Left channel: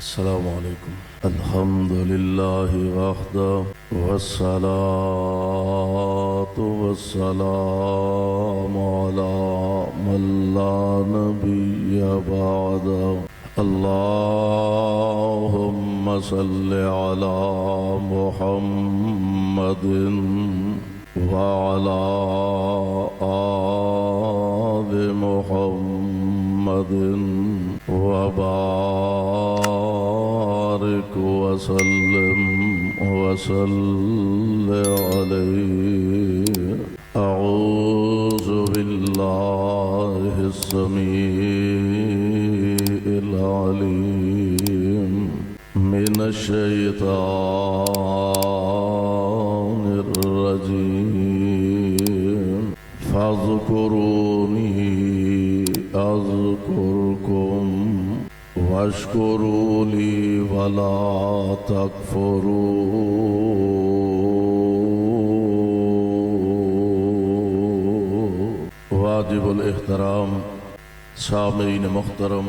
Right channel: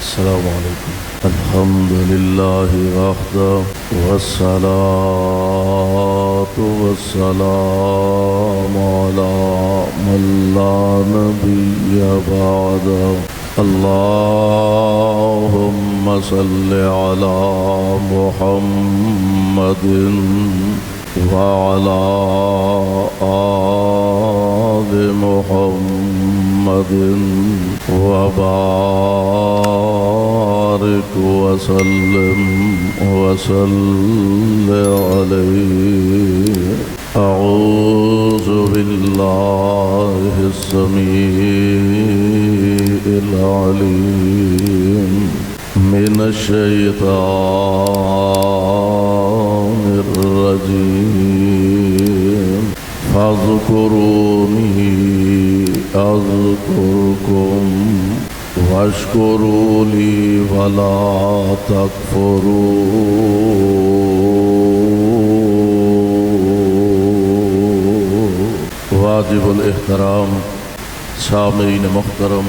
السلام علیکم۔ الحمد للہ وحدہ والصلاة والسلام علی من لا نبی بعدہ۔ اللہم صل علی محمد وعلی آل محمد وبارك وسلم عليه۔ أعوذ بالله السميع العليم من الشيطان الرجيم۔ فاذكروني أذكركم واشکروا لی ولا تکفرون۔ واجب الاحترام سامعین محترم،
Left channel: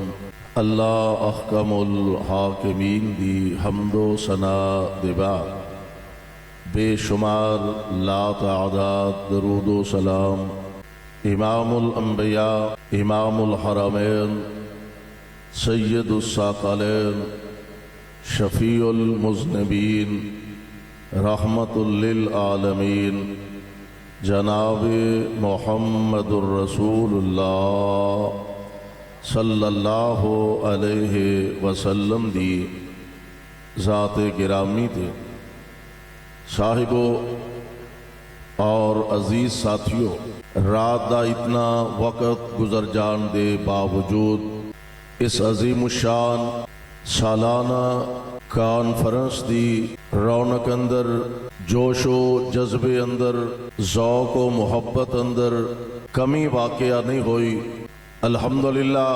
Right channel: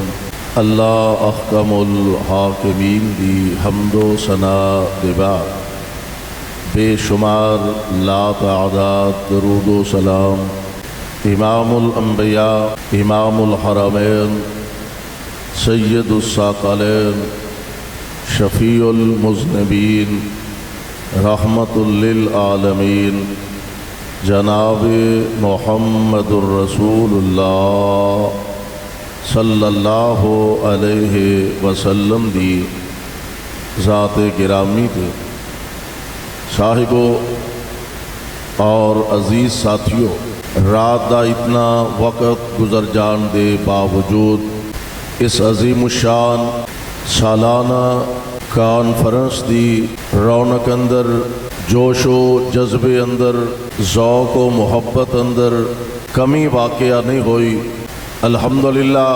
اللہ احکم الحاکمین دی حمد و ثناء دے بعد بے شمار لا تعداد درود و سلام امام الانبیاء، امام الحرمین، سید الثقلین، شفیع المذنبین، رحمت للعالمین، جناب محمد الرسول اللہ صلی اللہ علیہ وسلم دی ذات گرامی دے صاحبوں اور عزیز ساتھیوں، رات دا اتنا وقت گزر جان دے باوجود اس عظیم الشان سالانہ کانفرنس دی رونق اندر، جوش و جذبے اندر، ذوق و محبت اندر کمی واقعہ نہیں ہوئی۔ الحمدللہ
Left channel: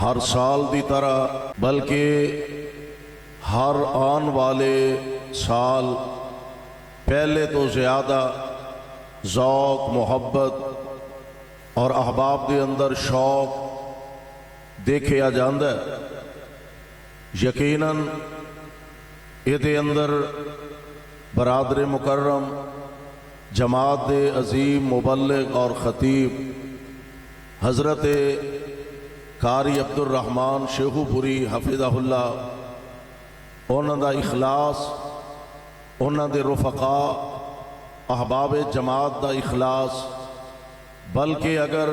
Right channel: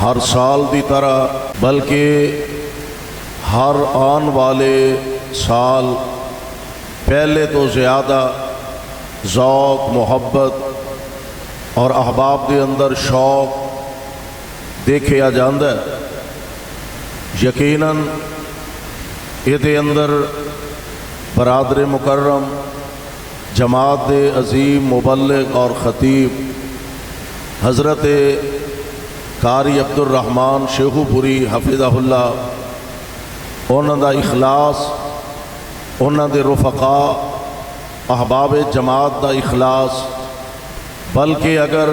ہر سال دی طرح بلکہ ہر آن والے سال پہلے تو زیادہ ذوق، محبت اور احباب دے اندر شوق دیکھیا جاندہ ہے۔ یقیناً یہ اندر برادر مکرم، جماعت عظیم مبلغ اور خطیب حضرت قاری عبدالرحمن شیخو پوری حفظہ اللہ، انہاں دا اخلاص، انہاں دے رفقا، احباب جماعت دا اخلاص، بلکہ اگر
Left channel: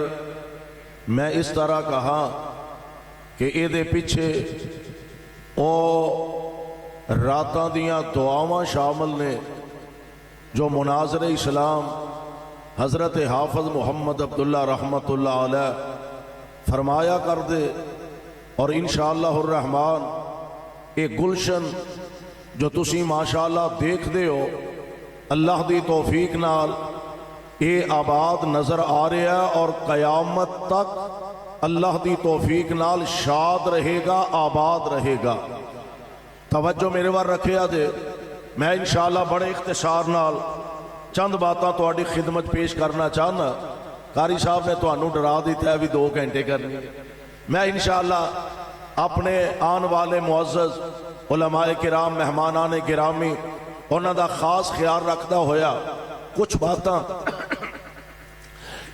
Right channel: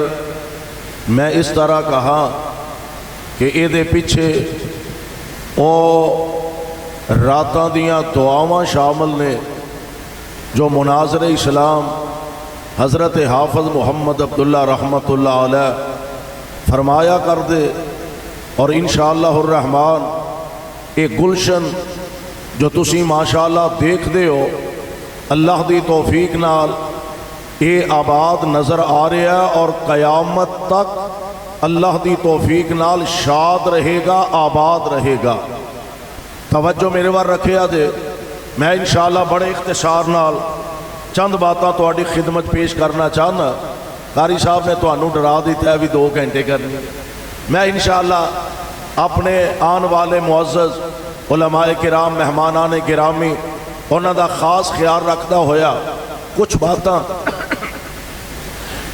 میں اس طرح کہا کہ یہ دے پیچھے او راتاں دیاں دعاواں شامل نے جو مناظر اسلام حضرت حافظ محمد عبداللہ رحمت اللہ علیہ فرمایا کر دے، اور انشاءاللہ الرحمن ایک گلشن جو تسی ماشاءاللہ دیکھ دے ہو، اللہ دی توفیق نال اے آباد نظر آ رہا ہے اور قیامت تک اللہ دی توفیق نال شاد رہے گا، آباد رہے گا۔ توجہ میرے وار رکھے آجے، میں انشاءاللہ بڑے اختصار نال چند باتاں تو آڈی خدمت پیش کرنا چاہنا۔ قاری صاحب نے تو انہوں ڈرا دیتا ہے بھی 2 گھنٹے کرنی۔ میں انشاءاللہ اپنے آن والے معزز علماء کرام، مہمانان گرامی، انہوں دا خاص خیال رکھتا ہویا کچھ باتاں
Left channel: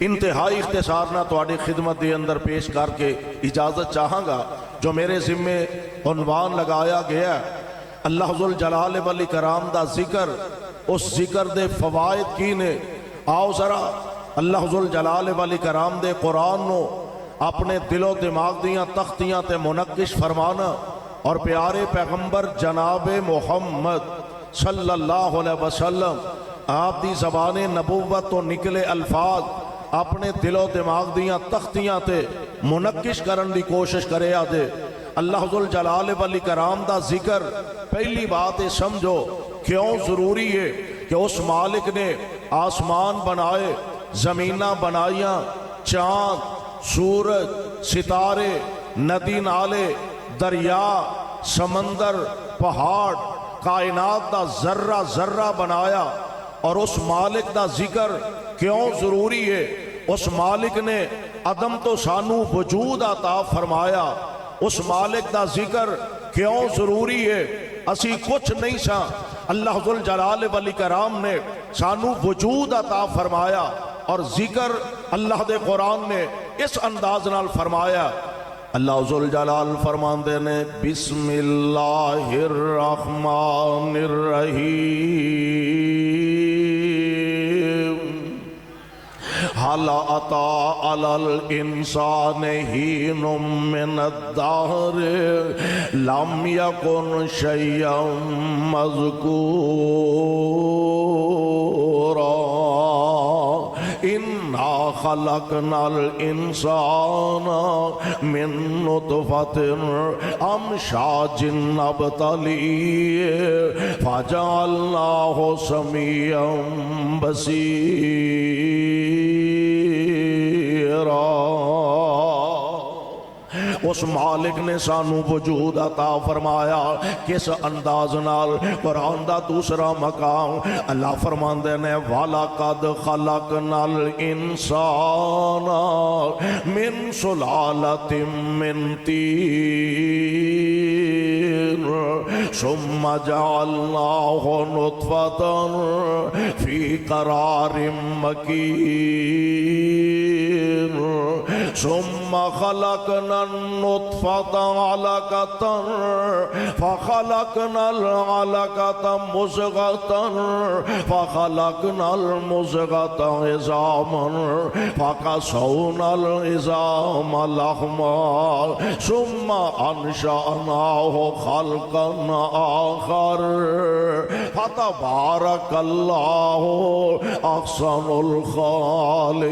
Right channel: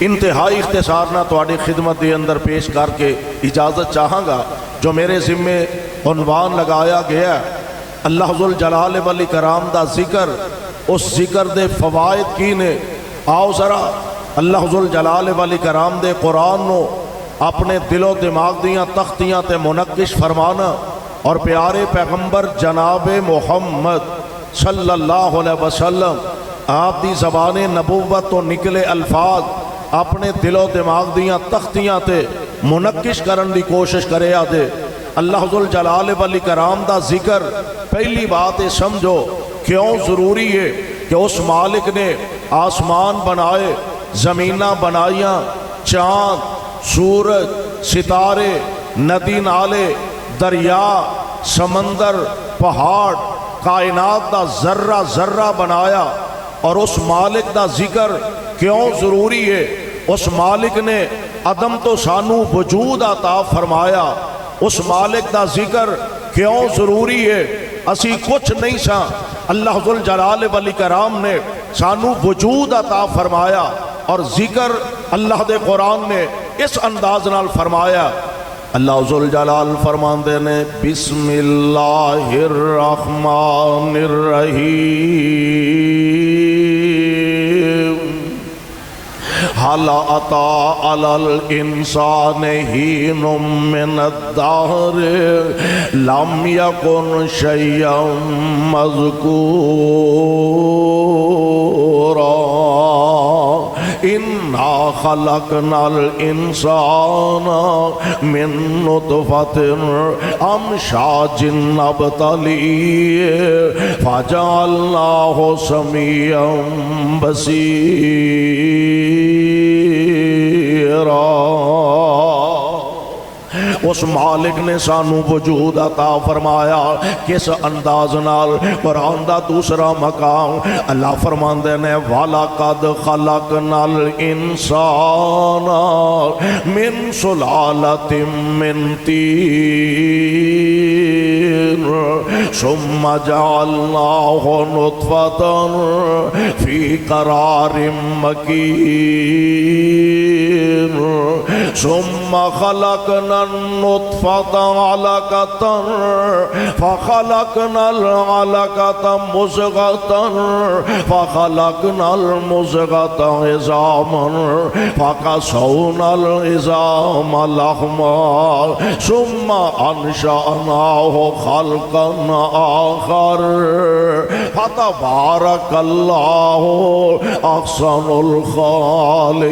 انتہائی اختصار نہ تواڈی خدمت دے اندر پیش کر کے اجازت چاہاں گا۔ جو میرے ذمے عنوان لگایا گیا ہے اللہ ذوالجلال والاکرام دا ذکر، اس ذکر دے فوائد کی نے، آؤ ذرا اللہ ذوالجلال والاکرام دے قرآن نو اپنے دل و دماغ دیاں تختیاں تے منقش فرمانا، اور پیارے پیغمبر جناب محمد صلی اللہ علیہ وسلم آپ دی زبان نبوت تو نکلے الفاظ اپنے دل و دماغ دیاں تختیاں تے منقش کرن دی کوشش کرے آدھے۔ اللہ ذوالجلال والاکرام دا ذکر پہلی بات ہے سمجھو کیوں ضروری ہے کہ اس مالک نے آسمان بنائے، زمینہ بنائیاں، چاند، سورج، ستارے، ندی نالے، دریا، سمندر، پہاڑ، کائنات دا ذرہ ذرہ بنایا، اور اس مالک دا ذکر کیوں ضروری ہے؟ اس مالک نے عدم تو سانو وجود عطا فرمایا، اس مالک دا ذکر کیوں ضروری ہے؟ اسی کچھ نہیں سا، اللہ ذو الجلال والاکرام نے سانو وجود عطا فرمایا اور ذکر اللہ دے قرآن نے اس انداز نال فرمایا۔ اللہ ذو الجلال فرماندے نے بسم اللہ الرحمن الرحیم حل اتی علی الانسان حین من الدہر لم یکن شیئا مذکورا انا خلقنا الانسان من نطفۃ امشاج نبتلیہ فجعلناہ سمیعا بصیرا۔ اس مالک نے سانو وجود عطا فرمایا کس انداز نال؟ قرآن دا دوسرا مقام اللہ فرماندے نے وَلَقَدْ خَلَقْنَا الْإِنسَانَ مِنْ سُلَالَةٍ مِّن طِينٍ ثُمَّ جَعَلْنَاهُ نُطْفَةً فِي قَرَارٍ مَّكِينٍ ثُمَّ خَلَقْنَا النُّطْفَةَ عَلَقَةً فَخَلَقْنَا الْعَلَقَةَ مُضْغَةً فَخَلَقْنَا الْمُضْغَةَ عِظَامًا فَكَسَوْنَا الْعِظَامَ لَحْمًا ثُمَّ أَنشَأْنَاهُ خَلْقًا آخَرَ فَتَبَارَكَ اللَّهُ أَحْسَنُ الْخَالِقِينَ۔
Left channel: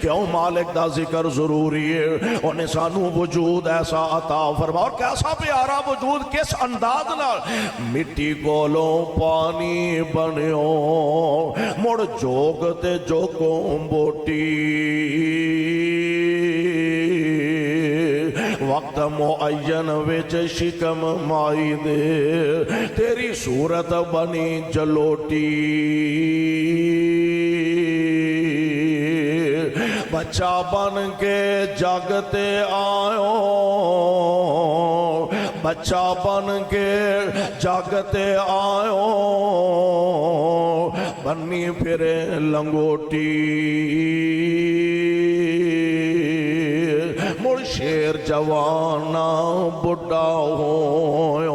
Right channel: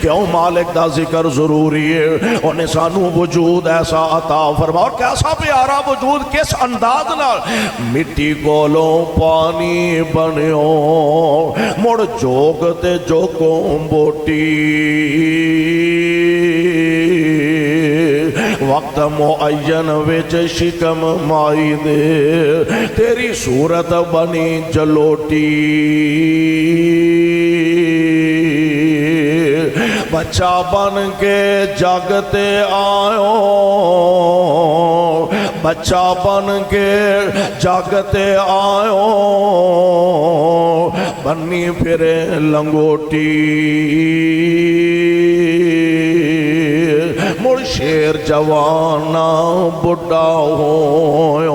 کیوں مالک دا ذکر ضروری ہے؟ انہیں سانو وجود ایسا عطا فرما، اور کیسا پیارا وجود، کس انداز نال؟ مٹی کولوں پانی بنیو مڑ جوگ تے جوگوں بوٹی وقت معین وچ شکم مائی دے تیری صورت بنی جلوٹی بچہ بن کے جاگتے آئو بچہ بن کے جاگتے آئو بنی پھرے لنگوٹی مڑ شیر جوانا بڑھا ہوئے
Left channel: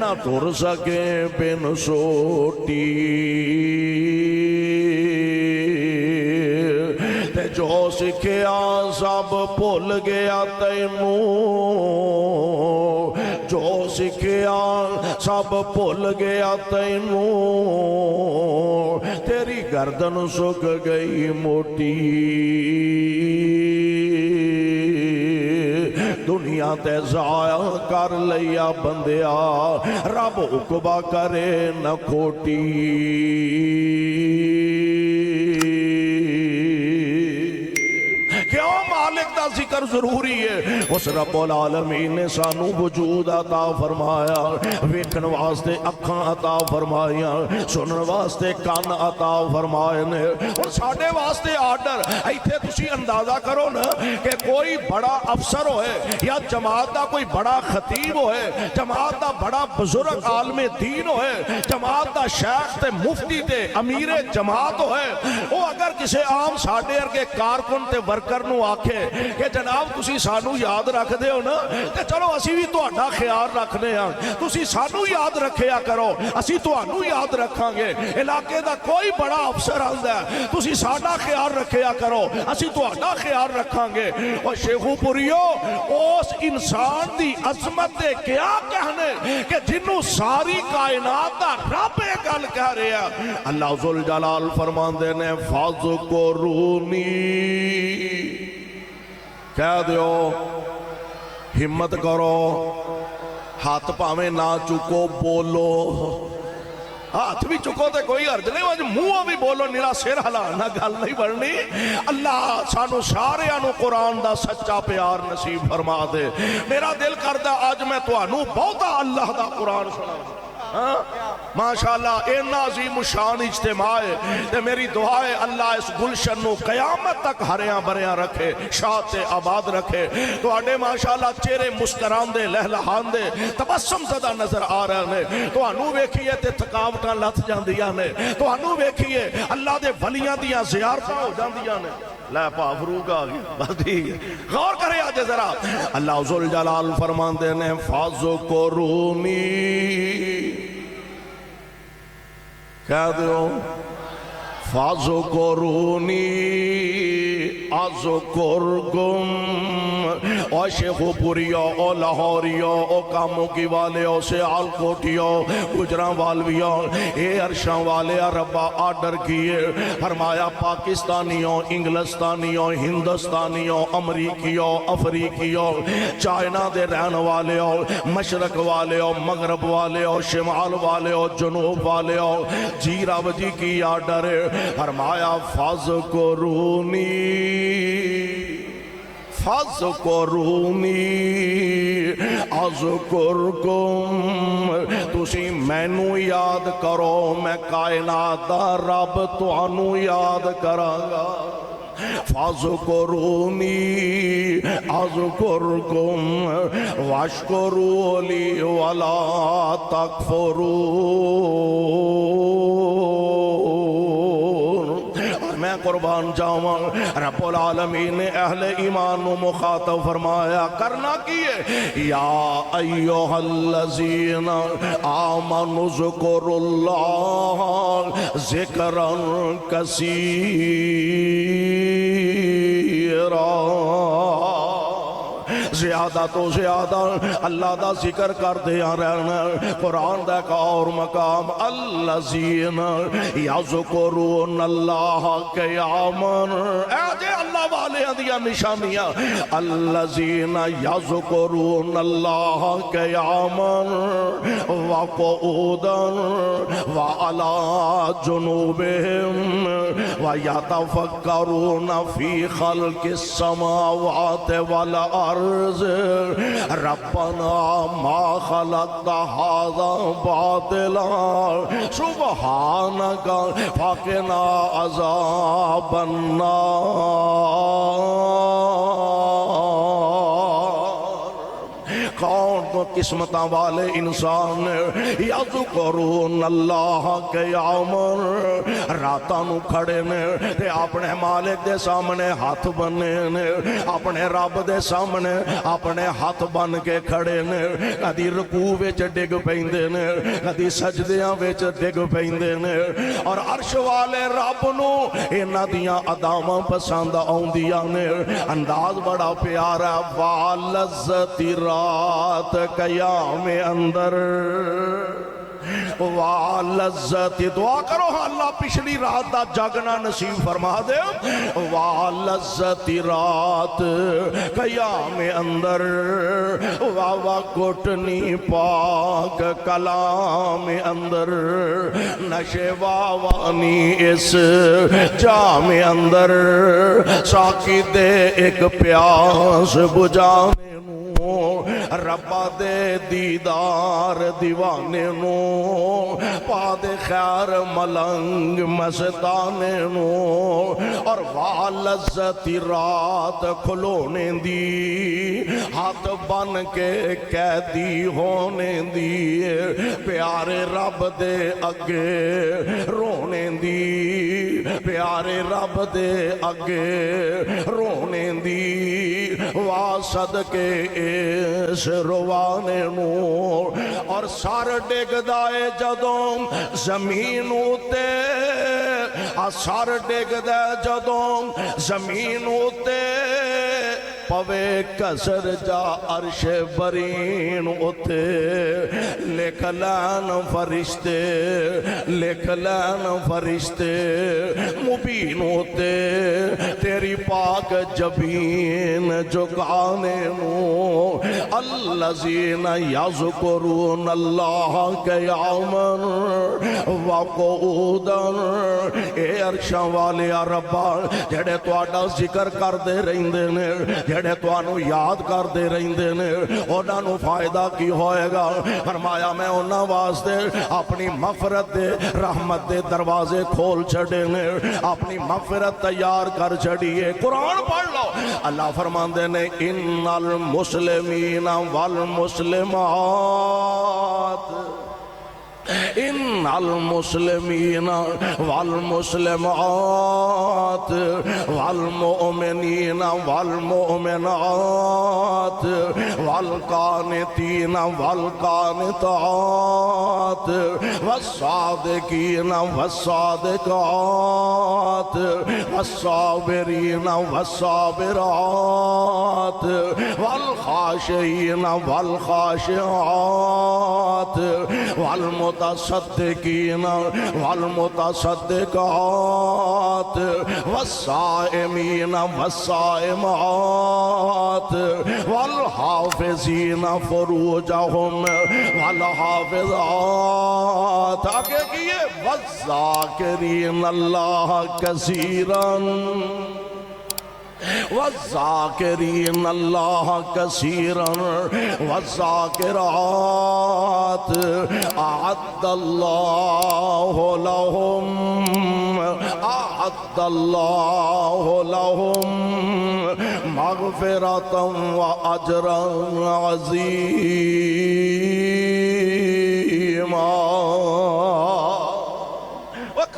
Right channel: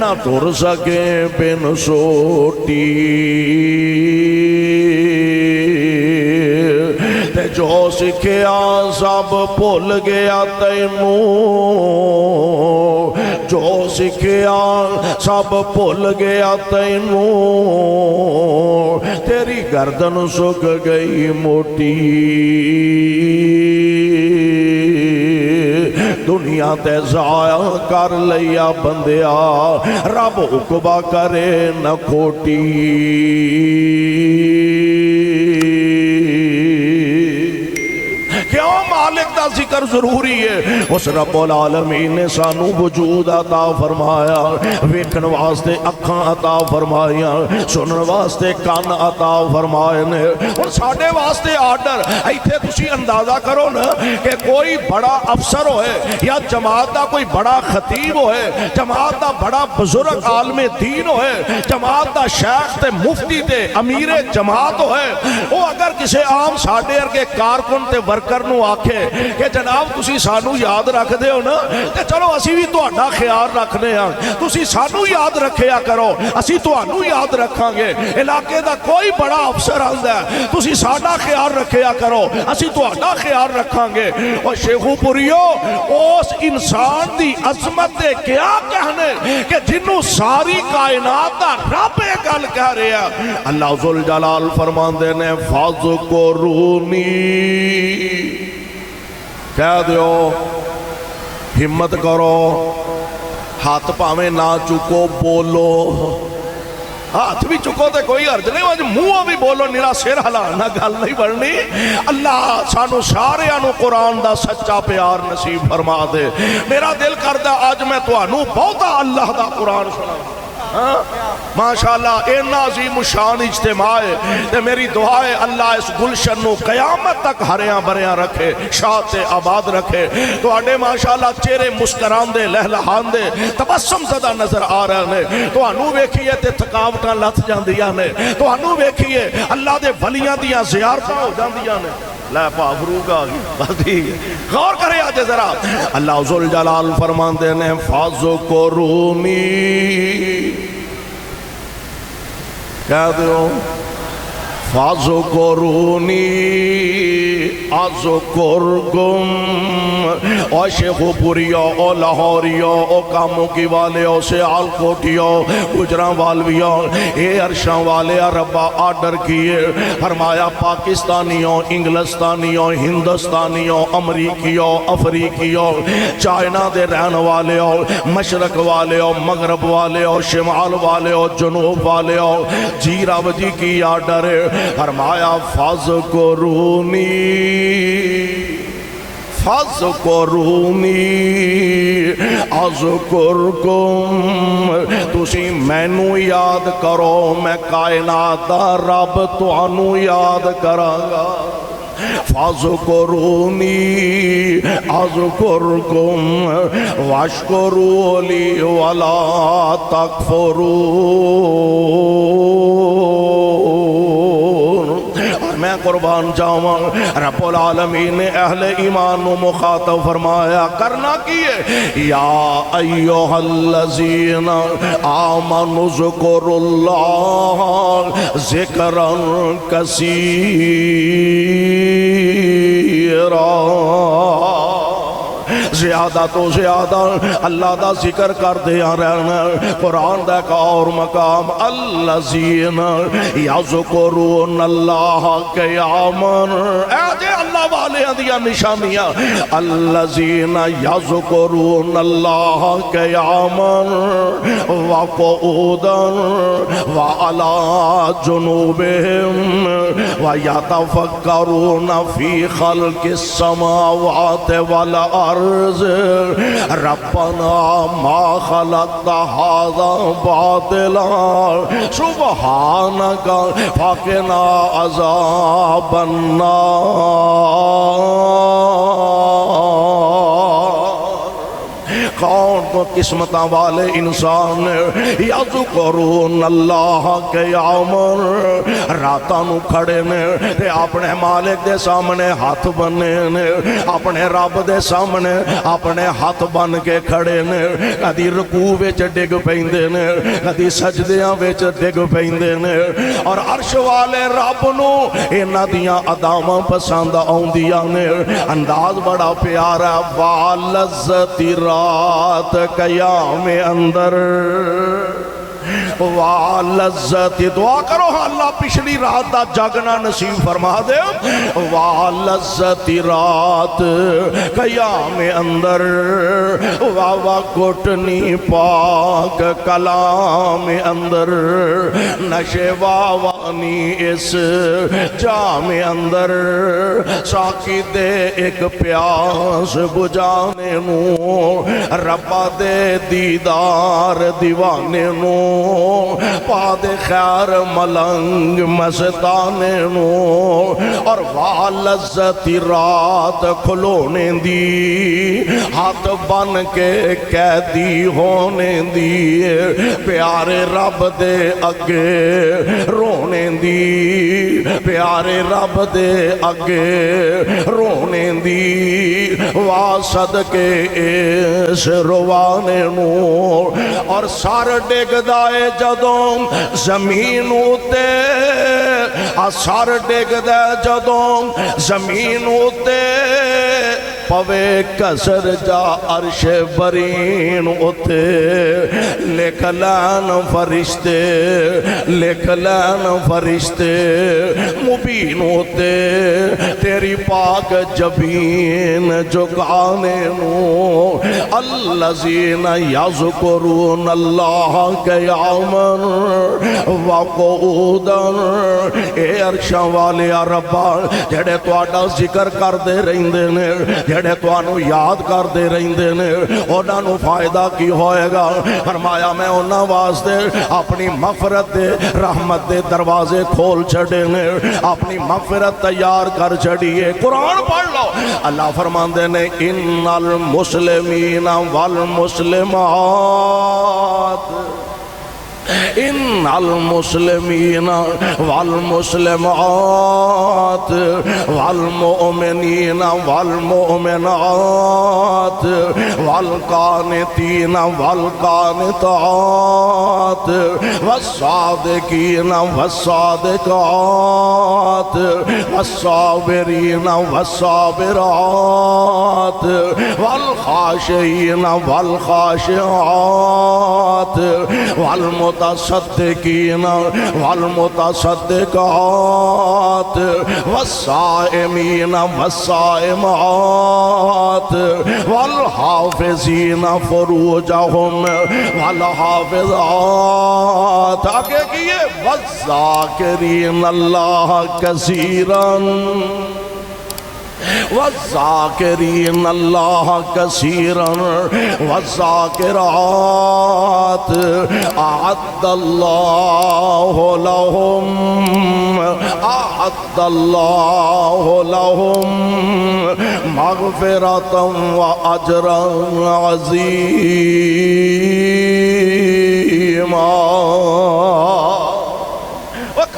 نہ تر سکے بن سوٹی جو سکھیا سب بھول گیا تینوں جو سکھیا سب بھول گیا تینوں تیری گردن سک گئی موٹی دنیا تے ضائع کر لیا بندیا رب عقبہ کرے نہ کھوٹی مالک دا ذکر ضروری ہے۔ اس رب العالمین نے سانو وجود عطا فرمایا، ویکھن واسطے اکھاں عطا فرمایا، سنن واسطے کان عطا فرمائے نے، اور ساڈے واسطے آرڈر ایتھے تسی اندازہ کرو نا کہ کوئی بڑا افسر ہوئے یا جماعت دا کوئی بڑا خطیب ہوئے، جماعت دا بڑا بزرگ عالم دین ہوئے، جماعت دا شیخ تے مفتی تے امیر جماعت ہوئے، وہ اگر کسی عام ساڈے ارگے کارکن تے ورکر نو آکھے کہ جناب تسی سانو یاد رکھ دے ہو نا تے چلو اسی بھی تہاڈا خیال رکھنے ہاں، تسی سانو یاد رکھیا کرو اسی تہانوں یاد رکھاں گے، علاقے دا کوئی بڑا افسر آندا ہے تسی ساڈا خیال رکھیا کرو اسی تہاڈا خیال رکھاں گے۔ اور شیخو پوریو اس انسان دی عظمت دے کیا کہنے کہ جنوں ساری کائنات دا رب گل کہہ رہا، اللہ ذوالجلال فرماندے نے فاذکرونی، کہہ دیو ہمت کرو، ہاتھ پاویں نہ چکو، بولو، ہاتھ بھی چکو تے کوئی عرض نہیں، وجہ منہ بھی بولو، نیرا سر ہلانا گل نہیں بڑھنی۔ اللہ سانو سارے آنو قرآن دا سچا پیار نصیب فرما دے۔ میرا دل کرتا آج میں تو آنو بہتا اللہ دا قرآن سنا ماشاءاللہ اینا عظیم شان اجتماع ہے تے میری دعا ہے اللہ اس گلشن نو قیامت تک ہریاں بریاں رکھے، شاد تے آباد رکھے۔ تو آنے ماشاءاللہ چہرے مسکران دے، لہلہان دے، تبسم زدہ نظر آ رہے ہیں۔ تو انو ویکھیے تے تھکاوٹاں لت جاندیاں نے، تو انو ویکھیے اللہ دے ولیاں دیاں زیارتاں ہو جاندیاں نے۔ لا پاوروگ آگی باقی ہے، غور کرے آجے ذرا۔ اللہ ذوالجلال فرماندے نے فَذْكُرُونِي، کہہ دیو فَذْكُرُونِي اذکرکم۔ او شیخ پوریو، او لاہوریو، او کاموں کی والیو، سیال کوٹیو، گجراں والویو، اے عرشاں والے ربا آرڈر کیے، فرمایا پاکستانیوں، انگلستانیوں، ہندوستانیوں، امریکیوں، افریقیوں، چائنا دے رہن والیوں، مشرق والیوں، مغرب والیوں، شمال والیوں، جنوب والیوں، جی رب جی کی آرڈر ہے۔ فرمایا فَذْكُرُونِي فَذْكُرُونِي اذکرکم، تسی مینوں یاد کرو، میں کائنات دا رب تانوں یاد کراں گا۔ فَذْكُرُونِي اذکرکم واشکروا لی ولا تکفرون۔ میں قربان جاواں، رب العالمین نے اہل ایمان و مخاطب فرمایا کرنا کیے، یا ایوہ الذین آمنوا اذکروا اللہ ذکرا کثیرا۔ زیادہ تو زیادہ اللہ دا ذکر کر دیا رہنا۔ قرآن دا کا اور مقام الذین یذکرون اللہ قیاما، اے جے اللہ والے دیا نشانیاں، الذین یذکرون اللہ قیاما وقعودا وعلی جنوبہم ویتفکرون فی خلق السماوات والارض ربنا ما خلقت هذا باطلا سبحانك فقنا عذاب النار۔ کون تو قسمتاں والے انسان یذکرون اللہ قیاما، راتاں نو کھڑے نے تے اپنے مالک دے سامنے ہاتھ بنے نے، اپنے رب دے سامنے اپنے ہاتھ بن کے کھڑے نے، کدی رکوع وچ ڈگ پیندے نے، کدی سجدیاں وچ ڈگ پیندے نے، اور عرش والے رب نو انہاں دیاں اداواں پسند آوندیاں نے۔ انداز بڑا پیارا، واللذت رات قیام اندر، واللذت، دعا کرو اللہ پچھلی رات دا جاگنا نصیب فرما دے۔ واللذت رات قیام اندر، واوا گھٹنی پاک کلام اندر، نشے واوانی اس جام اندر، ساکی دے ایک پیاس بجانے نو، ربا دے دیدار دیوانے نو، پاد خیر ملنگ مستانے نو، اور واللذت رات کھلونے دی، ہاتھ بن کے قیدی ہونے دی، پیارے رب دے اگے رونے دی، پیارے رب دے اگے رونے دی، واسد کے اس روانے نو، اور سار ڈگ دائے جدوں زمین اتے، سار ڈگ دائے جدوں زمین اتے، پوے کسر جا عرش برین اتے، لکھ لین فرشتے، لکھ لین فرشتے، مبین اتے تیری پاک جبین جگانے نو، الذین یذکرون اللہ قیاما وقعودا۔ اے عرشاں والے ربا جڑے تہاڈا ذکر کردے رہندے نے، جڑے تانوں یاد کردے رہندے نے انہاں نوں فائدہ کی ہوئے گا؟ فرمایا میں انہاں واسطے اپنی مغفرت دے رحمت دے دروازے کھول چھڑے نے، اپنی مغفرت تیار کر چھڑیے۔ قرآن پڑھ لو، اللہ فرماندے نے ان المسلمین والمسلمات ان المسلمین والمسلمات والمؤمنین والمؤمنات والقانتین والقانتات والصادقین والصادقات والصابرین والصابرات والخاشعین والخاشعات والمتصدقین والمتصدقات والصائمین والصائمات والحافظین فروجہم والحافظات، آگے کیے والذاکرین اللہ کثیراً والذاکرین اللہ کثیراً والذاکرات اعد اللہ لہم مغفرۃ واجرا عظیما۔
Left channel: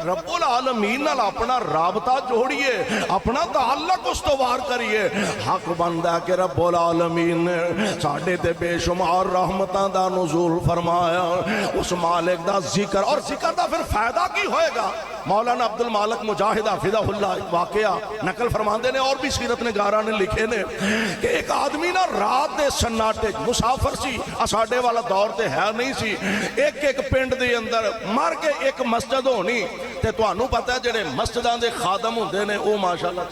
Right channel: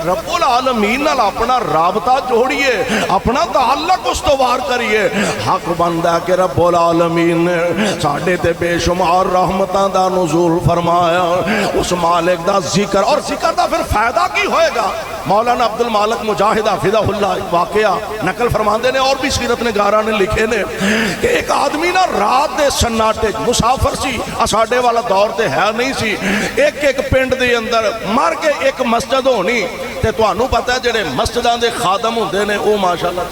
رب العالمین نال اپنا رابطہ جوڑیے، اپنا تعلق استوار کریے۔ حق بندہ کہ رب العالمین نے ساڑھے تے بے شمار رحمتاں دا نزول فرمایا، اس مالک دا ذکر، اور ذکر دا پھر فائدہ کی ہوئے گا؟ مولانا عبد المالک مجاہد حفظہ اللہ واقعہ نقل فرماندے نے، اور بھی سیرت نگاراں نے لکھے نے کہ ایک آدمی نا رات دے سناٹے مسافر سی، اساڈے والا دور تے ہے نہیں سی، ایک ایک پنڈ دے اندر مر کے ایک مسجد ہونی تے تانوں پتہ ہے جڑے مسجداں دے خادم ہوندے نے او ماشاءاللہ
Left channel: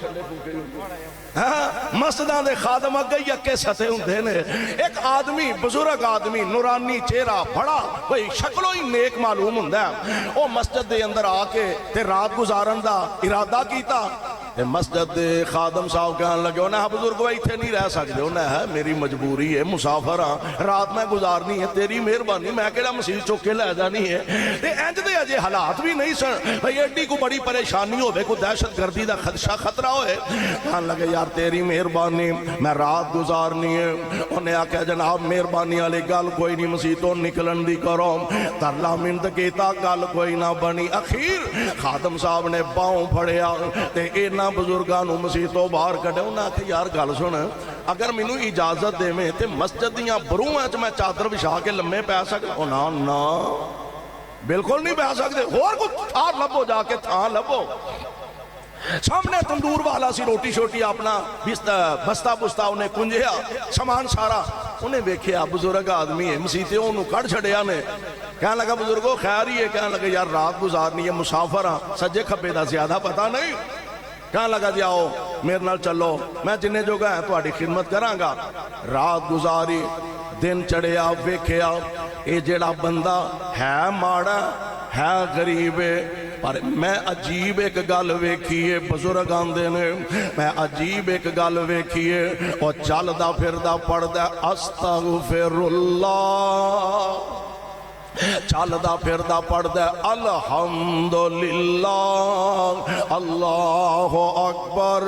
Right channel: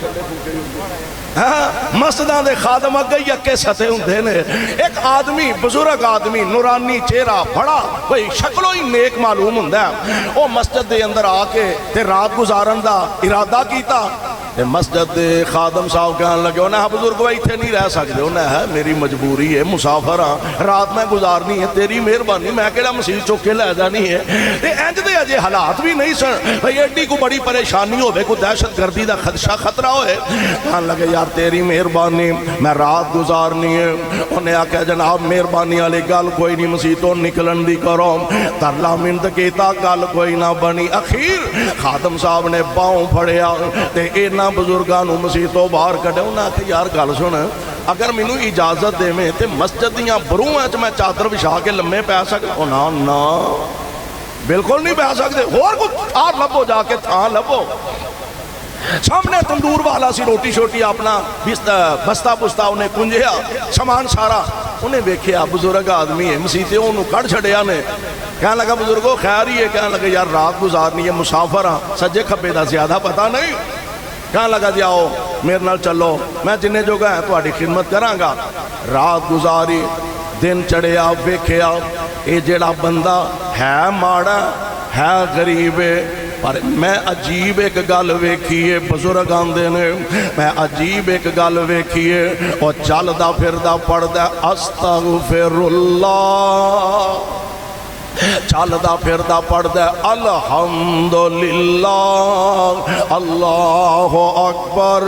مسجداں دے خادم اگے یکے ستے ہوندے نے۔ ایک آدمی بزرگ آدمی نورانی چہرہ بڑا بھئی شکلوں ہی نیک معلوم ہوندا ہے، او مسجد دے اندر آ کے تے رات گزارن دا ارادہ کیتا۔ مسجد دے خادم صاحب کہنے لگے انہاں بزرگو ایتھے نہیں رہ سکتے، انہاں ہے میری مجبوری ہے، مسافر ہاں، رات میں گزارنی ہے، تیری مہربانی، میں کہڑا مسیح چوک کے لے جانی ہے۔ انج دے اجے حالات بھی نہیں سن بھئی ایڈی کو بڑی پریشانی ہوئے، کوئی دہشت گردی دا خطرہ ہوئے۔ کہنے لگے یار تیری مہربانی، میں رات گزارنی ہے۔ انہیں آکھا جناب مہربانی والی گل کوئی نہیں، مسیح تو نکلن دی کرو، ترلا منت کیتا گل کوئی نہ بنی۔ اخیر خادم صاحب نے باؤں پھڑیا تے اینا بزرگانو مسیح تو باہر کڑے، انہیں آکھا یار گل سن، اگر مینو اجازت دے میں تے مسجد دیاں بروں ہیں میں چادر بچھا کے لمے پہ سکتا؟ نا نا بالکل نہیں پہ سکتے، اور کچھ تھا لبو، جا کے تھا لبو۔ سامنے تندور والا سی روٹی شوٹی اپنا بستہ پستہ انہیں کنجیا سامان سارا، انہیں دیکھیا بزرگ آدمی ہے، مسیحے انہوں کڑ چھڑیا نے۔ کہنے لگا بزرگو خیر ہی ہے؟ کہنے لگا یار رات گزارنی ہے، مسافر ہاں، سجے کھبے دا زیادہ پتہ نہیں۔ کہنے لگا جی آؤ میرے نال چلو، میں جنہیں جو گا ہے تہاڈی خدمت کراں گا۔ رات گزاری، دن چڑھیا، ویکھیا اے جڑا بندہ ہے ماڑا ہے غریب ہے، پر میں عجیب ایک گل ویکھیے، بزرگ آندے نے میں عجیب ایک گل ویکھیے، او چلدا پھردا پڑھدا استغفر اللہ، چلدا پھردا پڑھدا الحمدللہ اللہ اکبر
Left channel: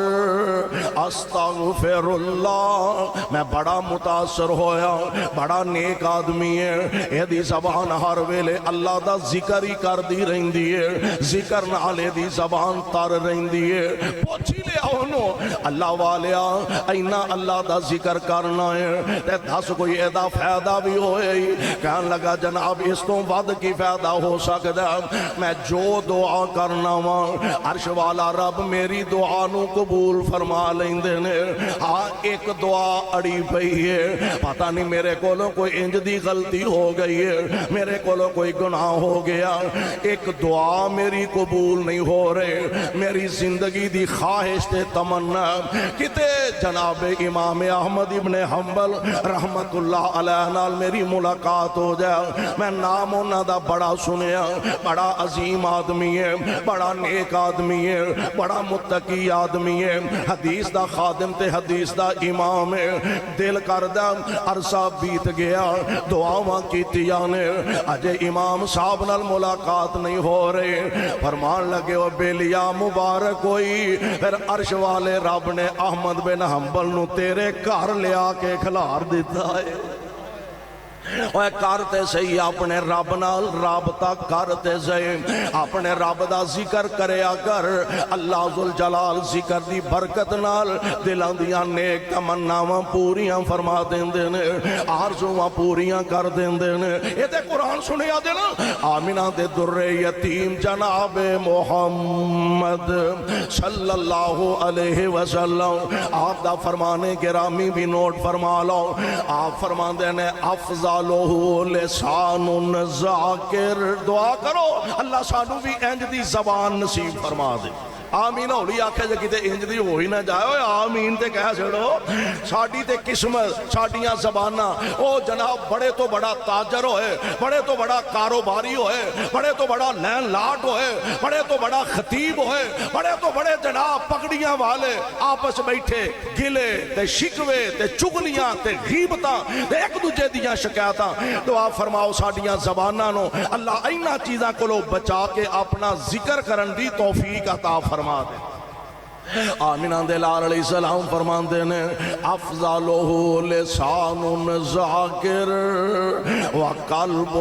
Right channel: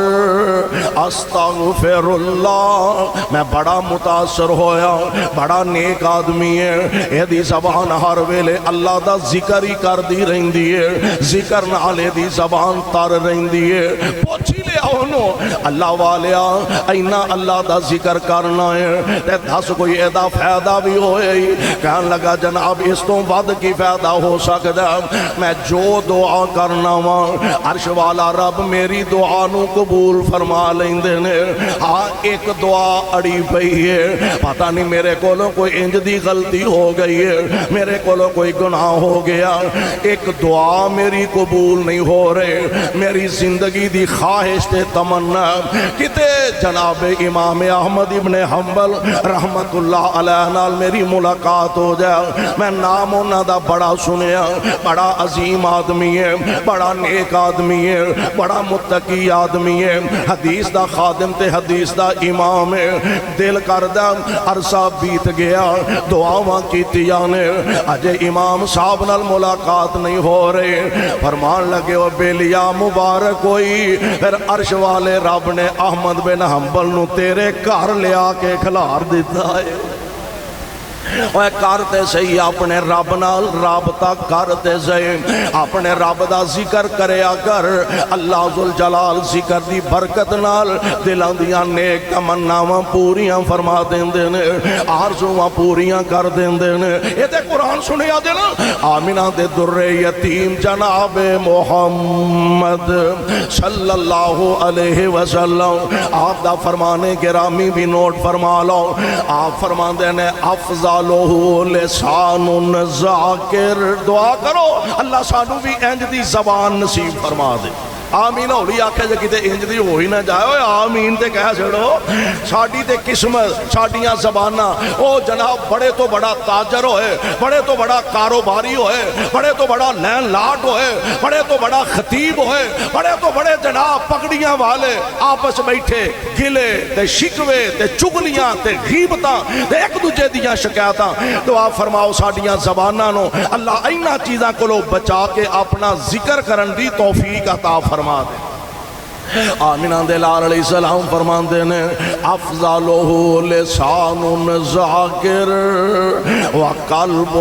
استغفر اللہ۔ میں بڑا متاثر ہویا، بڑا نیک آدمی ہے، ایدی زبان ہر ویلے اللہ دا ذکر ہی کر دی رہندی ہے، ذکر نال ایدی زبان تر رہندی ہے۔ پوچھی لیا انہوں اللہ والیا اینا اللہ دا ذکر کرنا ہے تے دس کوئی ایدہ فائدہ بھی ہوئے ہی؟ کہنے لگا جناب اس تو بعد کی فائدہ ہو سکتا، میں جو دعا کرنا وا عرش والا رب میری دعا نو قبول فرما لیندے نے۔ ہاں ایک دعا اڑی پئی ہے، پتہ نہیں میرے کولوں کوئی انج دی غلطی ہو گئی ہے، میرے کولوں کوئی گناہ ہو گیا، ایک دعا میری قبول نہیں ہو رہے، میری زندگی دی خواہش خواہش تے تمنا کتے جناب امام احمد ابن حنبل رحمت اللہ علیہ نال میری ملاقات ہو جائے، میں نام انہاں دا بڑا سنیا، بڑا عظیم آدمی ہے، بڑا نیک آدمی ہے، بڑا متقی آدمی ہے، حدیث دا خادم تے حدیث دا امام ہے، دل کردہ عرصہ بیت گیا، دعاواں کیتیاں نے، اجے امام صاحب نال ملاقات نہیں ہو رہی، فرمان لگے وہ بیلیا مبارک ہوئی، پھر عرش والے رب نے احمد بن حنبل نو تیرے گھر لے آ کے کھلار دیتا ہے۔ وہ کرتے صحیح اپنے رب نال رابطہ کرتے صحیح، اپنے رب دا ذکر کریا کر، اللہ ذوالجلال ذکر دی برکت نال دلاں دیاں نیک تمناواں پوریاں فرما دیندے نے، آرزواں پوریاں کر دیندے نے۔ یہ تے قرآن سنیا دے نا، آمینہ دے در یتیم جناب محمد صلی اللہ علیہ وسلم، آپ دا فرمانے گرامی بھی نوٹ فرما لو، آپ فرما دینے افضل لسان ذاکر، دعا کرو اللہ سانو بھی انج دی زبان نصیب فرما دے۔ آمین ہولی آکھے جے کتے انج دی ہوئی نہ جائے ہوئے آمین تے کہہ چھڑو، ساڑی تے قسمت ساڑیاں زبانہ، او جناب بڑے تو بڑا تاجر ہوئے، بڑے تو بڑا کاروباری ہوئے، بڑے تو بڑا لین لاڈ ہوئے، بڑے تو بڑا خطیب ہوئے، بڑے تو بڑے جناب پکڑیاں والے آپس بیٹھے گلے تے شکوے تے چگلیاں تے غیبتاں تے ایک دوجے دیاں شکایتاں، دعا فرماؤ ساڑیاں زباناں نو اللہ اینا چیزاں کو لو بچا کے اپنا ذکر کرن دی توفیق عطا فرما دے۔ آمینہ دلال علیہ السلام فرماندے نے افضلہ لسان ذاکر وقلب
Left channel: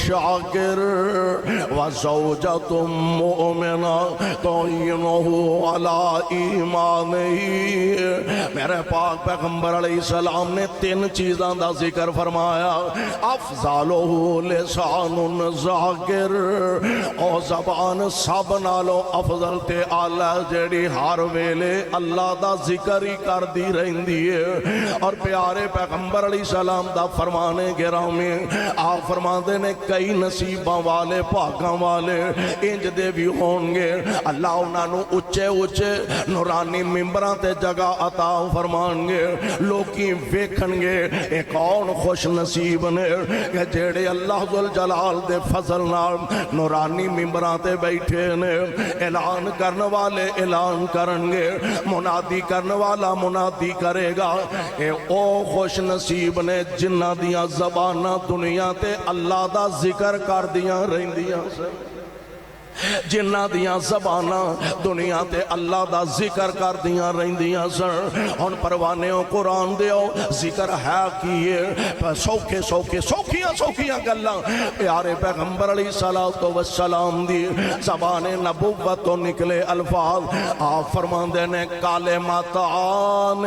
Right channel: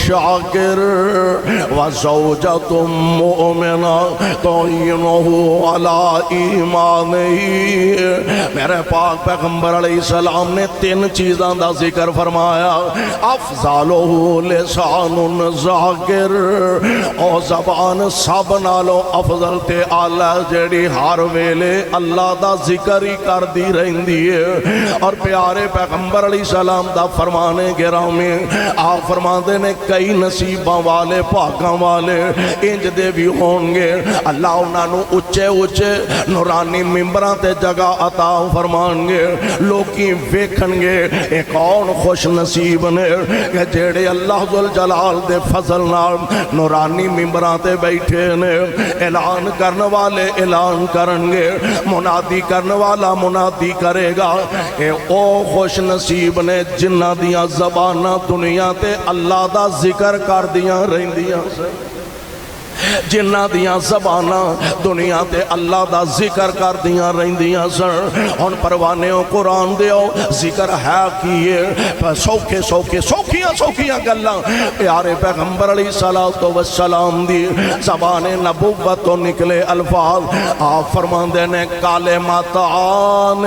شاکر وزوجۃ مؤمنہ تعینہ علی ایمانہ۔ میرے پاک پیغمبر علیہ السلام نے تین چیزاں دا ذکر فرمایا، افضلہ لسان ذاکر، او زبان سب نالو افضل تے اعلیٰ جڑی ہر ویلے اللہ دا ذکر ہی کر دی رہندی ہے، اور پیارے پیغمبر علیہ السلام دا فرمانے گرامی آپ فرماندے نے کئی نصیباں والے پاکاں والے انج دے بھی ہوں گے، اللہ انہاں نو اچھے اچھے نورانی ممبراں تے جگہ عطا فرمان گے، لوکی ویکھن گے ایک کون خوش نصیب نے کہ جیڑے اللہ ذوالجلال دے فضل نال نورانی ممبراں تے بیٹھے نے، اعلان کرنے والے اعلان کریں گے، منادی کرنے والا منادی کرے گا، او خوش نصیب نے جنہ دیاں زبانہ دنیا تے اللہ دا ذکر کر دیاں رہندیاں سے، جنہ دیاں زبانہ دنیا تے اللہ دا ذکر کر دیاں رہندیاں سن۔ ہن پروانیوں قرآن دیو ذکر ہے کیے سوکھے سوکھے سوکھیاں گلاں پیارے پیغمبر علیہ السلام دی زبان نبوت تو نکلے الفاظ، آپ فرماندے نے کلمتان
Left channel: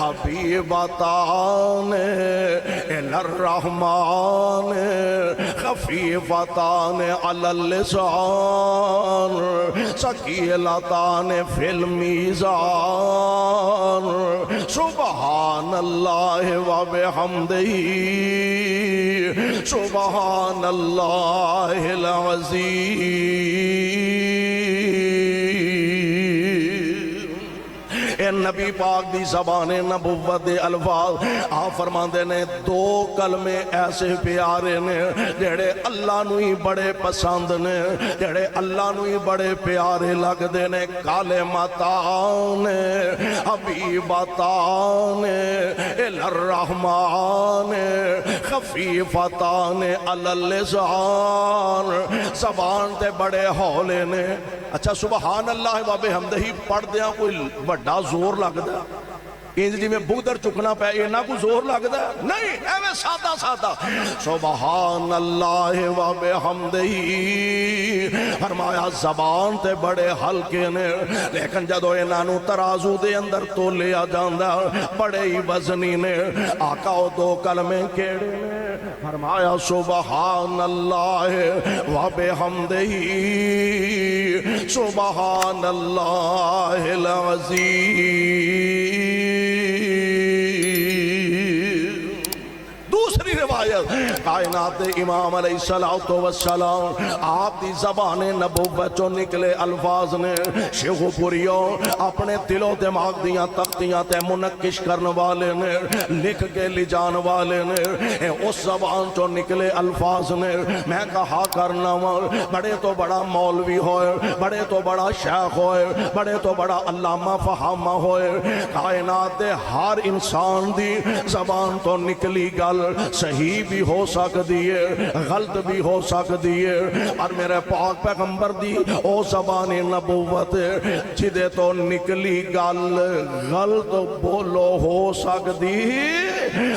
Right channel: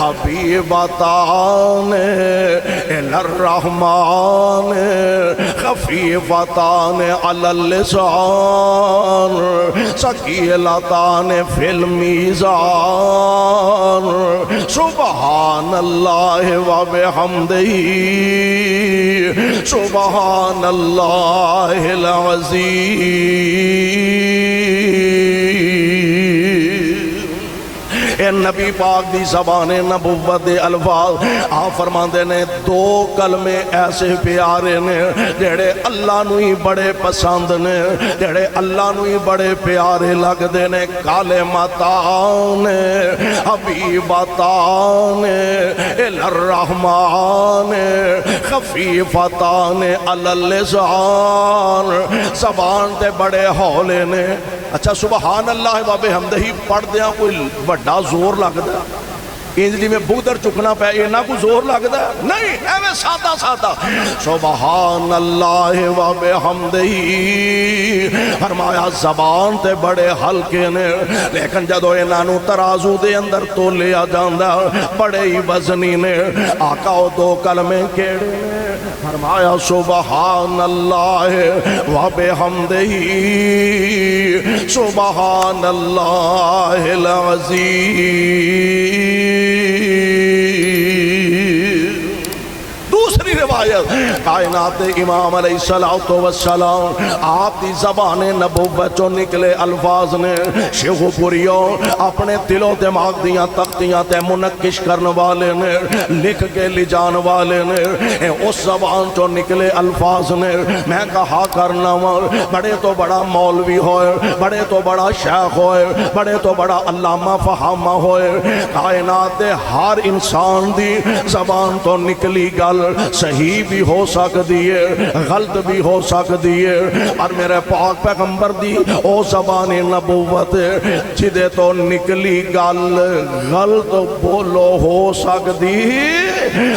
حبیبتان الی الرحمن خفیفتان علی اللسان ثقیلتان فی المیزان سبحان اللہ و بحمدہ سبحان اللہ العظیم۔ اے نبی پاک دی زبان نبوت دے الفاظ آپ فرماندے نے دو کلمے ایسے پیارے نے جڑے اللہ نو ہی بڑے پسند نے، جڑے اللہ نو ہی بڑے پیارے لگ دے نے، کلمتان حبیبتان الی الرحمن خفیفتان علی اللسان، زبان تے بڑے ہولے نے۔ اچھا سبحان اللہ و بحمدہ پڑھ دیاں کوئی بڑا زور لگدا، انجلی میں بودر چکنا پہ اینا کو زور لگدا نہیں، ایویں سادہ سادہ سبحان اللہ و بحمدہ، فرمایا زبان تے بڑے ہلکے نے لیکن جدو انہوں ترازو دے اندر تو لیا جاندہ بڑے ہی وزنی نے۔ آقا او دو کلمے کیڑے نے، فرمایا سبحان اللہ و بحمدہ سبحان اللہ العظیم۔ دوسری روایت کائنات امام علیہ الصلوۃ والسلام آپ دی زبان نبوت چوں نکلے الفاظ نے شیخ پوریوں اپنے دل و دماغ دیاں تختیاں تے منقش کرن والے نے لکھ کے لے جان والے نے اس زبان چوں نکلے الفاظ نے میں کہا کرنا بڑے تو بڑا مولوی ہوئے بڑے تو بڑا شیخ ہوئے بڑے تو بڑا علامہ فہامہ ہوئے کائنات ہر انسان دی زبان تو نکلی گل صحیح بھی ہو سکتی ہے غلط بھی ہو سکتی ہے اور میرے پاک پیغمبر دی او زبان نبوت جدے تو نکلی گل غلط بولو ہو سکتی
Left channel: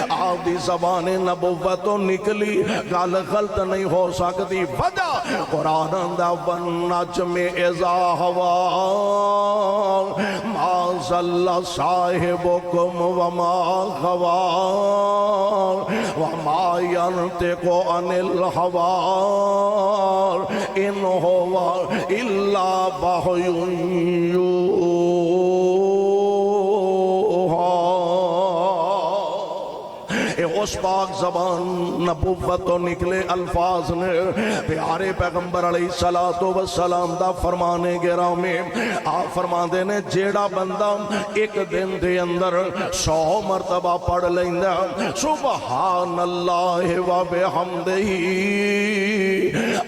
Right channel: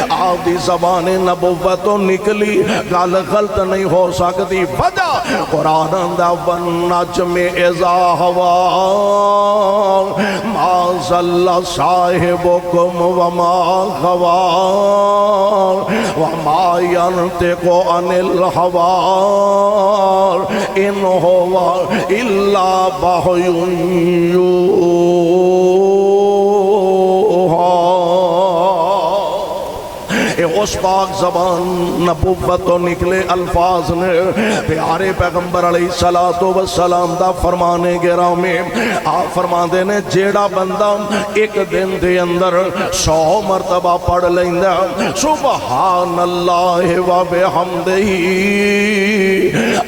آپ دی زبان نبوت تو نکلی گل غلط نہیں ہو سکتی وجہ قرآن دا والنجم اذا ہوا ما ضل صاحبکم وما غوا وما ينطق عن الهوى إن هو إلا وحي اس پاک زبان نبوت تو نکلے الفاظ نے پیارے پیغمبر علیہ السلام دا فرمانے گرامی آپ فرماندے نے جیڑا بندہ ایک دن دے اندر 100 مرتبہ پڑھ لیندہ سبحان اللہ و بحمدہ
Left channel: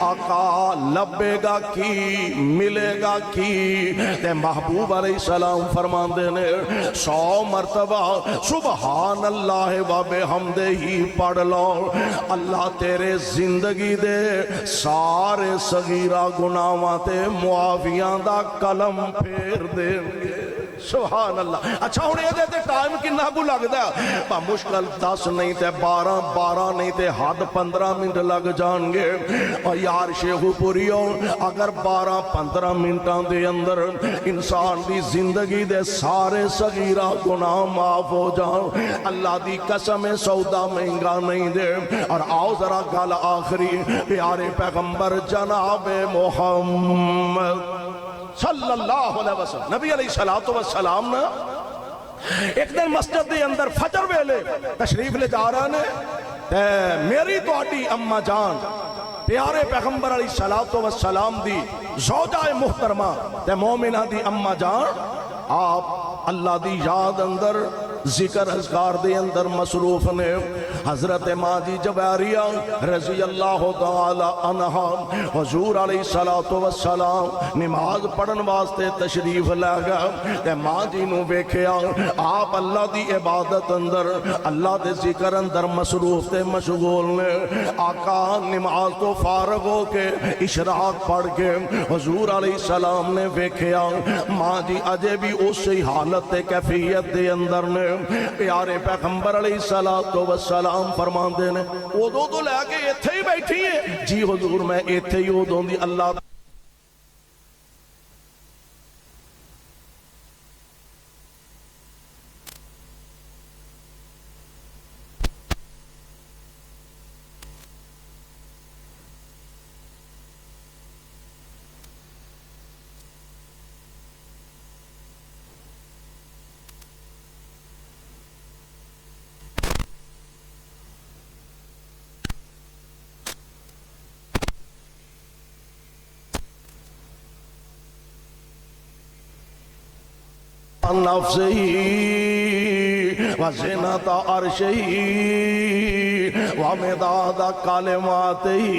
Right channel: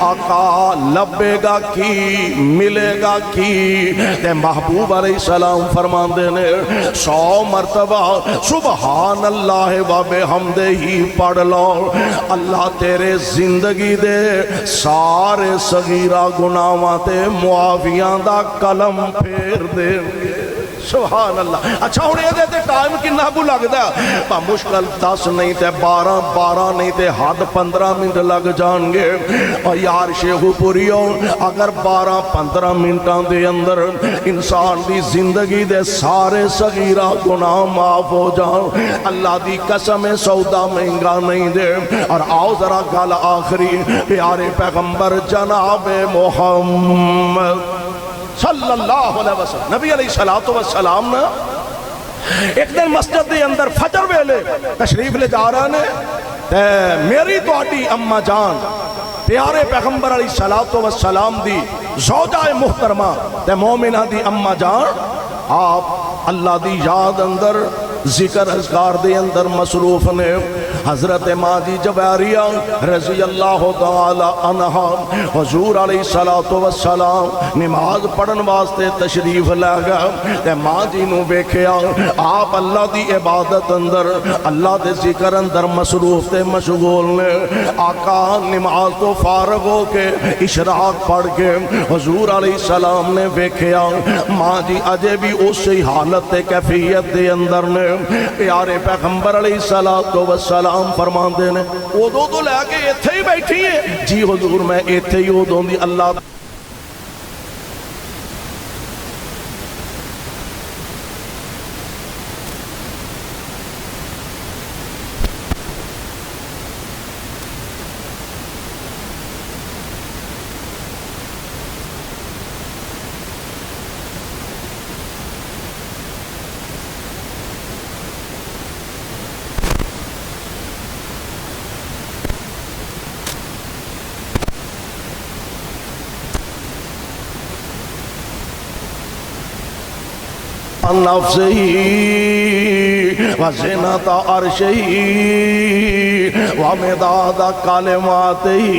آقا لبے گا کی ملے گا کی تے محبوب علیہ السلام فرماندے نے 100 مرتبہ سبحان اللہ و بحمدہ ہی پڑھ لو اللہ تیرے زندگی دے سارے صغیرہ گناہاں تے معافیاں دا قلم پھیر دے سبحان اللہ اچھا ہونے دے تے ٹائم کنا کو لگتا ہے مشکل 10 نہیں تے 12 نہیں تے حد 15 منٹ لگ جان گے اور یار شیخ پوریوں اگر 12-15 منٹاں دے اندر انسان دی زندگی دے سارے صغیرہ گناہ معاف ہو جاؤں اللہ دی قسم سودا مہنگا نہیں دے اور آؤ ذرا گل آخری پیارے پیغمبر جناب محمد صلی اللہ علیہ وسلم نبی علیہ السلام نے ایک دن مسجد دے اندر فجر ویلے تشریف لے جا رہا نے میری تو آٹی اممہ جان پیارے پیغمبر علیہ السلام دی زوجہ محترمہ تے مومنہ دی اممہ جان آپ اللہ دی یاد اندر ذکر اذکار دے اندر مصروف نے حضرت ماں جی جویریہ رضی اللہ تعالی عنہا حضور علیہ السلام نماز پڑھن واسطے تشریف لے گئے تے ماں جی نو بیکھیا آپ اللہ دی عبادت اندر اللہ دے ذکر اندر مصروف تے مشغول نے آقا نماز تو فارغ ہو کے اشراق پڑھ کے حضور علیہ السلام نے بیکھیا ماں جی اجے بھی اسی حالت کیفیت دے اندر نے پیارے پیغمبر علیہ السلام فرمان دے نے ادو تو لے کے ایتھے ہی بیٹھی ہے جی حضور میں ایتھے ہی ادو دی اللہ نفسه وزنة عرشه ومداد کلماته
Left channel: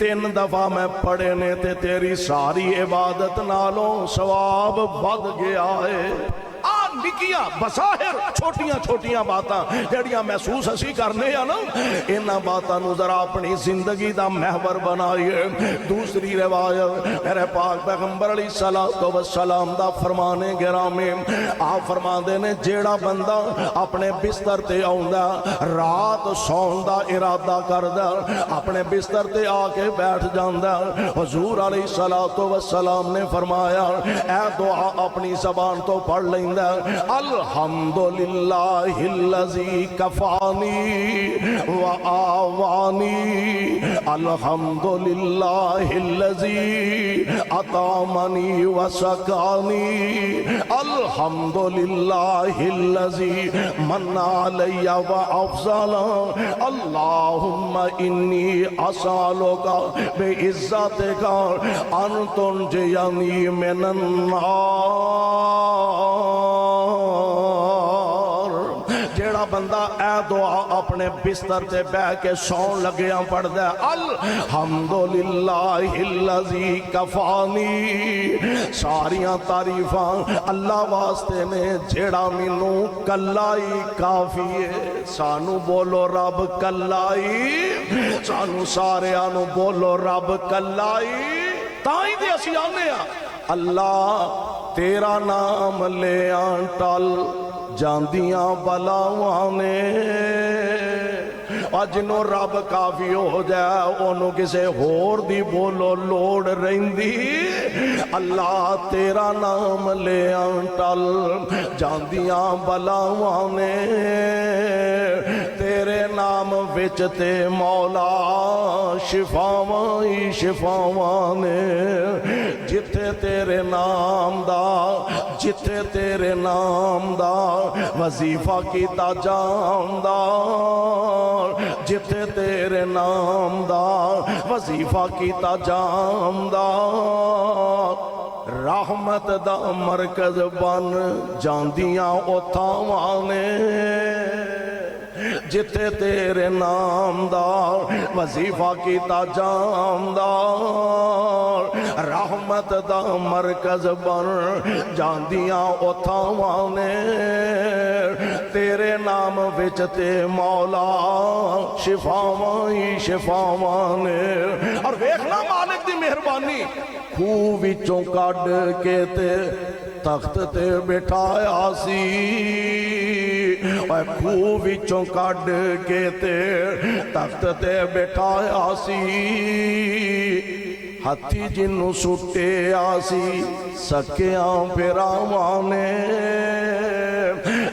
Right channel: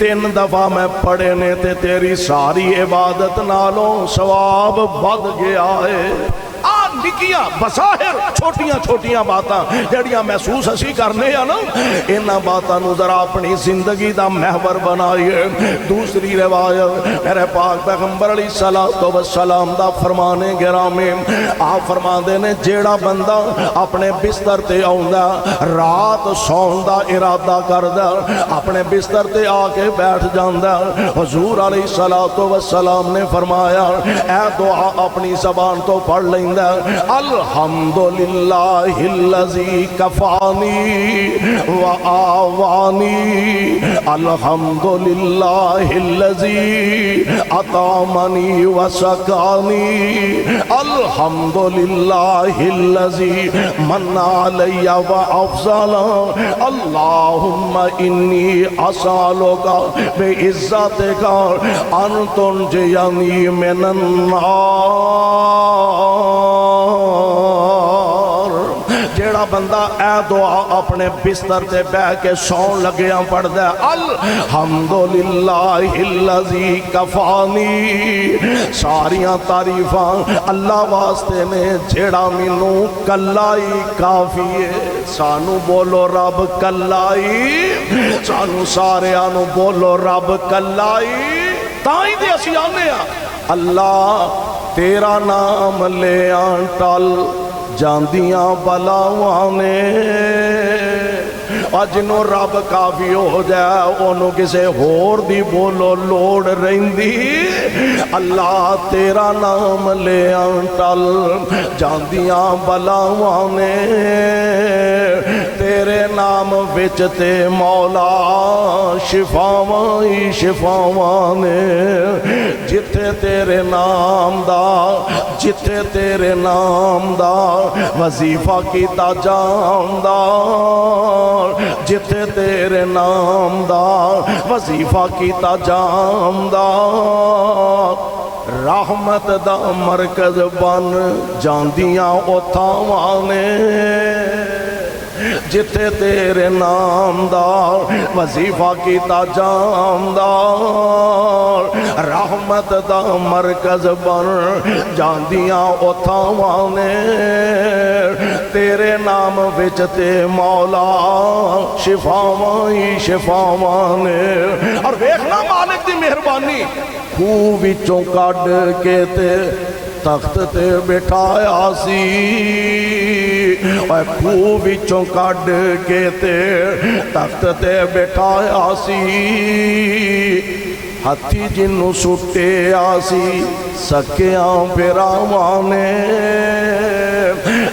3 دفعہ میں پڑھنے تے تیری ساری عبادت نالوں ثواب بڑھ گیا ہے نکیاں بظاہر چھوٹیاں چھوٹیاں باتاں جڑیاں محسوس اسی کرنے ہیں نا انہاں باتاں نو ذرا اپنی زندگی دا محور بنائیے دوسری روایت میرے پاک پیغمبر علیہ السلام دا فرمانے گرامی آپ فرمان دے نے جیڑا بندہ اپنے بستر تے آؤندا رات سون دا ارادہ کردا اپنے بستر تے آ کے بیٹھ جاندا حضور علیہ السلام نے فرمایا اے دعا اپنی زبان تو پڑھ لیندا الحمدللہ الذی کفانی وآوانی، الحمدللہ الذی اطعمنی وسقانی، الحمدللہ الذی من علی وافضل، اللہم انی اسألک بعزتک ان تنجینی من النار۔ جیڑا بندہ اے دعا اپنے بستر تے بہ کے سون لگیاں پڑھدا ہے، الحمدللہ الذی کفانی، ساریاں تعریفاں اللہ واسطے نے جیڑا مینوں کلائی کافی ہے۔ سانو بولو رب کلائی، سانو ساریاں بولو رب کلائی، تائیں دے اسی آنے ہاں اللہ تیرا نام لے آن ٹل جاندیاں بلاواں نے۔ جنوں رب کافی ہو جائے انہوں کسے ہور دی بولو لوڑ رہندی۔ اللہ تیرا نام لے آن ٹل جاندیاں بلاواں نے، تیرے نام وچ تے مولا شفاواں ہی شفاواں نے۔ جتھے تیرے نام دا، جتھے تیرے نام دا وظیفہ کیتا جاندار، جتھے تیرے نام دا وظیفہ کیتا جاندار، رحمت دا مرکز بن جاندیاں اوتھاواں نے۔ جتھے تیرے نام دا وظیفہ کیتا جاندار، رحمت دا مرکز بن جاندیاں اوتھاواں نے۔ تیرے نام وچ تے مولا شفاواں ہی شفاواں نے۔ اور دیکھنا مالک دی مہربانی، خوہ وچوں کڈ کے تے تخت تے بٹھایا سی، خوہ وچوں کڈ کے تے تخت تے بٹھایا سی، ہاتھی جنوں سٹیا سی سکیاں بھراواں نے۔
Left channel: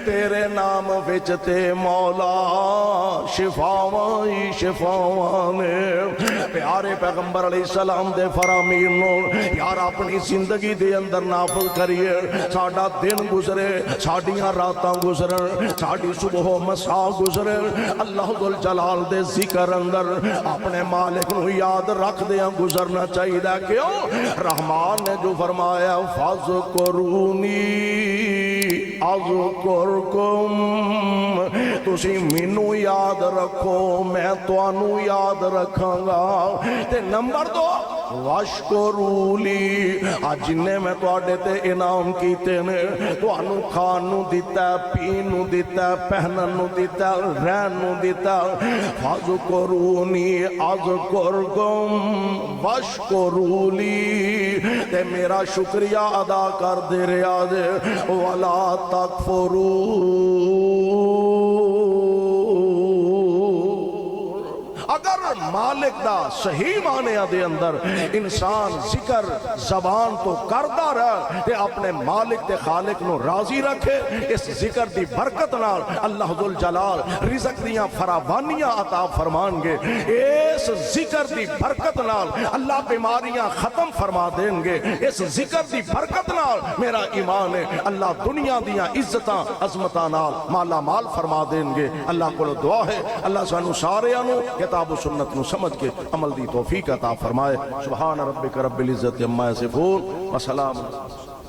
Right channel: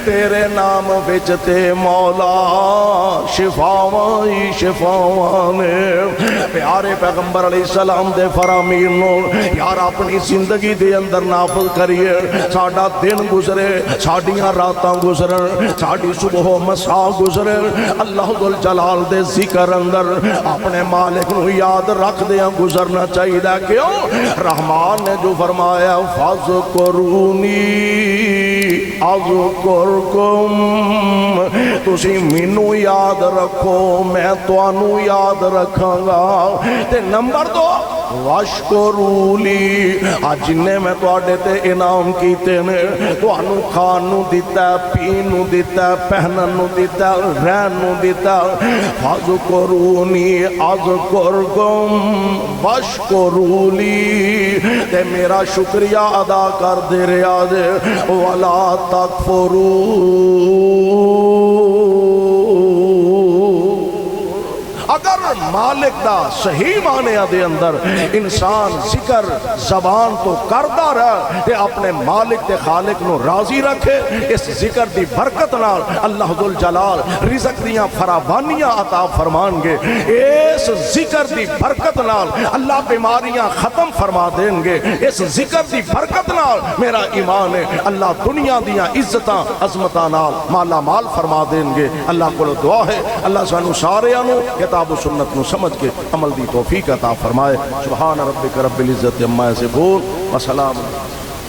تیرے نام وچ تے مولا شفاواں ہی شفاواں نے۔ پیارے پیغمبر علیہ السلام دے فرامین نو یار اپنی زندگی دے اندر نافذ کریے۔ ساڈا دن گزرے، ساڈیاں راتاں گزرن، ساڈی صبح و مساء گزرے، اللہ ذوالجلال دے ذکر اندر اپنے مالک نو یاد رکھ دیاں گزرنا چاہیے۔ کیوں؟ رحمان نے جو فرمایا فَاذْكُرُونِي اذکرکم، تسی مینوں یاد رکھو میں تانوں یاد رکھاں گا۔ تے نمبر 2 واشکرولی، جننے میں تواڈے تے انعام کیتے نے، تانوں کھان نوں دتا، پین نوں دتا، پہنن نوں دتا، رہن نوں دتا۔ فاذکرونی اذکرکم واشکرولی، تے میرا شکریہ ادا کر دے رہا جے، ولا تکفرون۔ اگر مالک دا صحیح معنی دے اندر انسان ذکر زبان تو کردہ رہے تے اپنے مالک تے خالق نو راضی رکھے، اس ذکر دی برکت نال اللہ ذوالجلال رزق دیاں فراوانیاں عطا فرمان گے۔ اس ذکر دی برکت نال اللہ بیماریاں ختم فرما دیں گے۔ اس ذکر دی برکت نال میرا ایمان ہے اللہ دنیا دیاں عزتاں عظمتاں نال مالا مال فرما دیں گے۔ اللہ کو دعا ہے اللہ سانو ساریاں نو کتاب و سنت نو سمجھ کے عمل دی توفیق عطا فرمائے۔ سبحان ربک رب العزت عما یصفون وسلام۔